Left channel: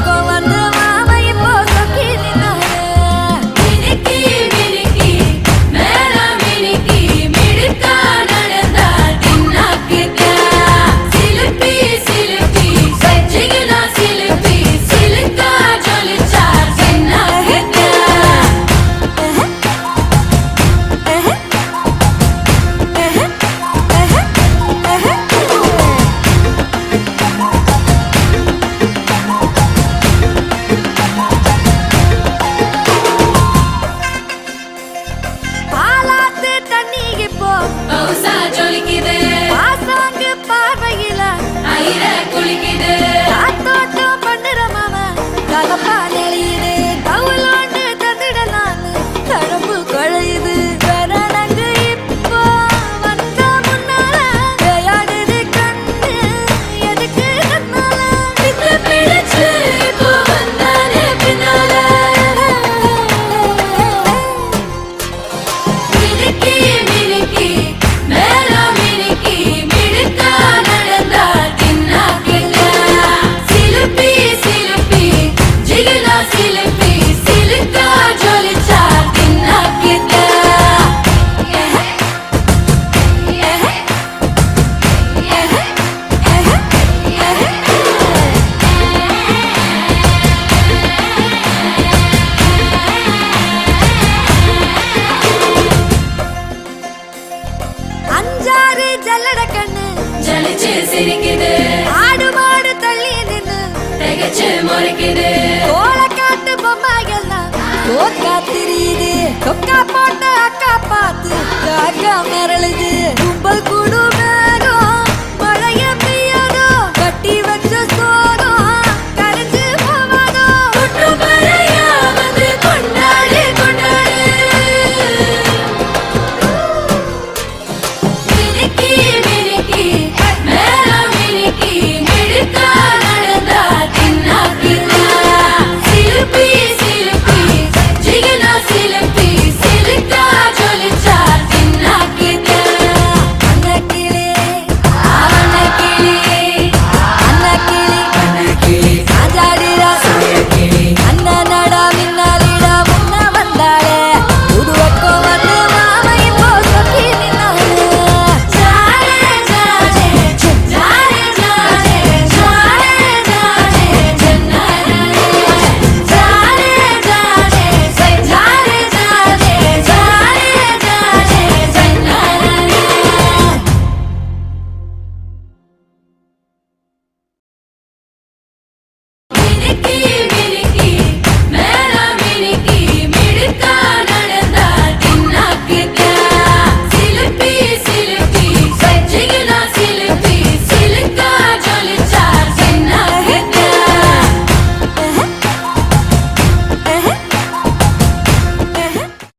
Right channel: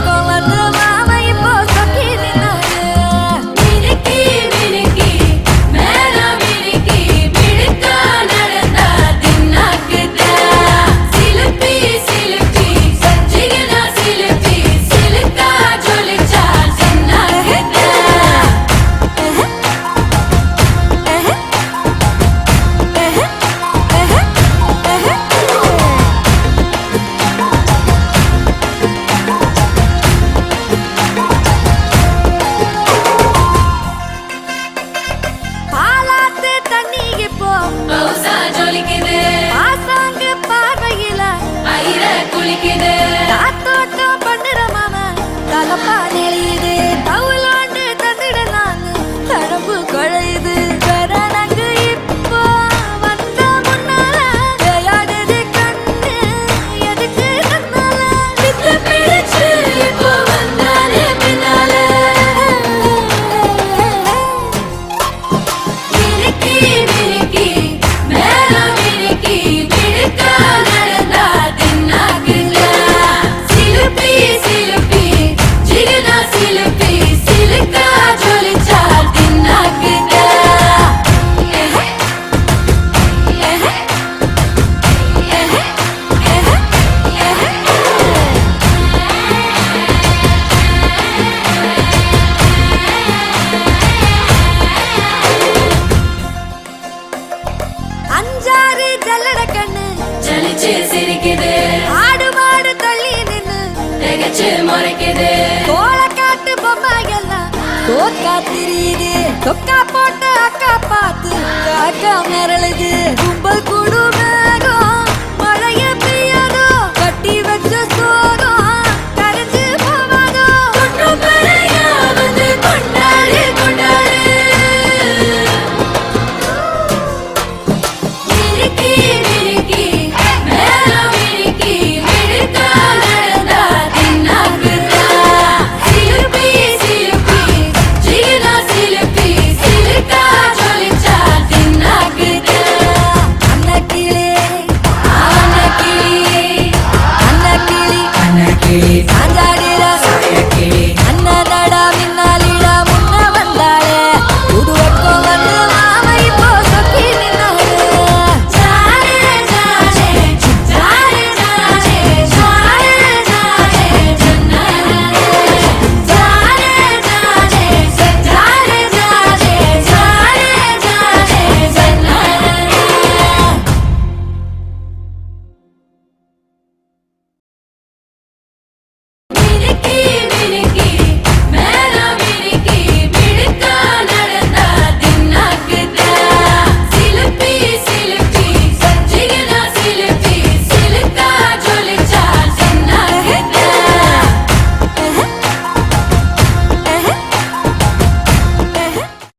பக்கம் வந்து மாமா இப்போ சொக்கி நின்னாரு பாசாங்கு பார்வையில காத்தோட்டம் பண்ணுற மாமா தலப்பா நெளியுது தவுலாண்டு தந்துடலான்னு தடம்பு குழையுது கரணங்கு இப்போ வந்த முன்னால விளையாடுது கண்ணு எதுக்கு கண்ணால பித்த பிடிச்சு இப்போ பின்னால அஞ்சாறு ஜல்லட கண்ணு ஆடு மாடு தள்ளி நின்னு கோலக்காட்டு பொம்மை எல்லாம் சோக்கா திரியுது சொக்கா போட்ட அக்கா பார்த்து காக்கா மிரளுது கும்பல் குடும்ப